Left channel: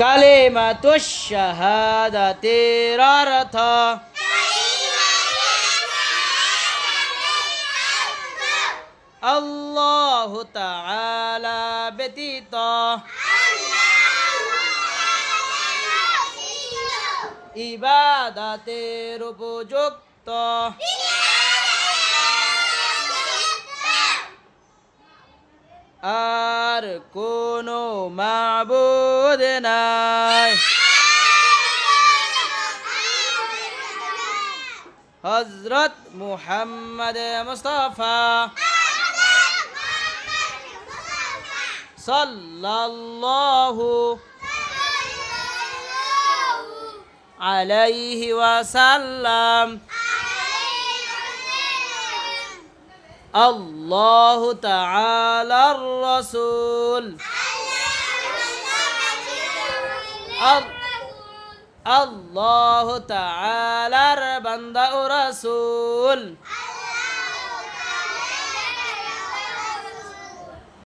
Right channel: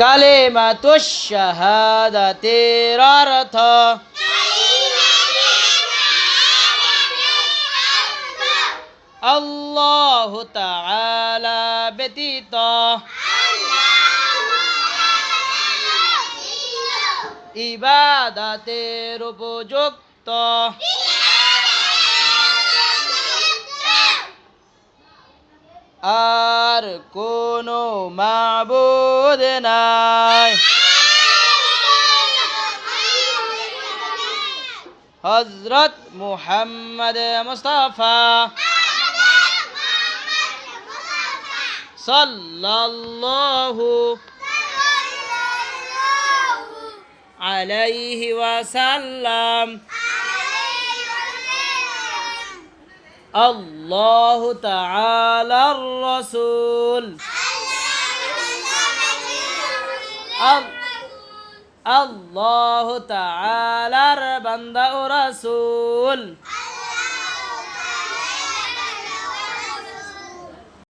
কালিমাতুশ শাহাদাতির অর্থ আল্লাহু তাআলা ব্যতীত ইবাদতের উপযুক্ত আর কোনো মাবুদ নাই। হযরত মুহাম্মদ মুস্তাফা সাল্লাল্লাহু আলাইহি ওয়াসাল্লাম আল্লাহু তাআলার রাসূল আল্লাহু তাআলার বান্দা ও রাসূল।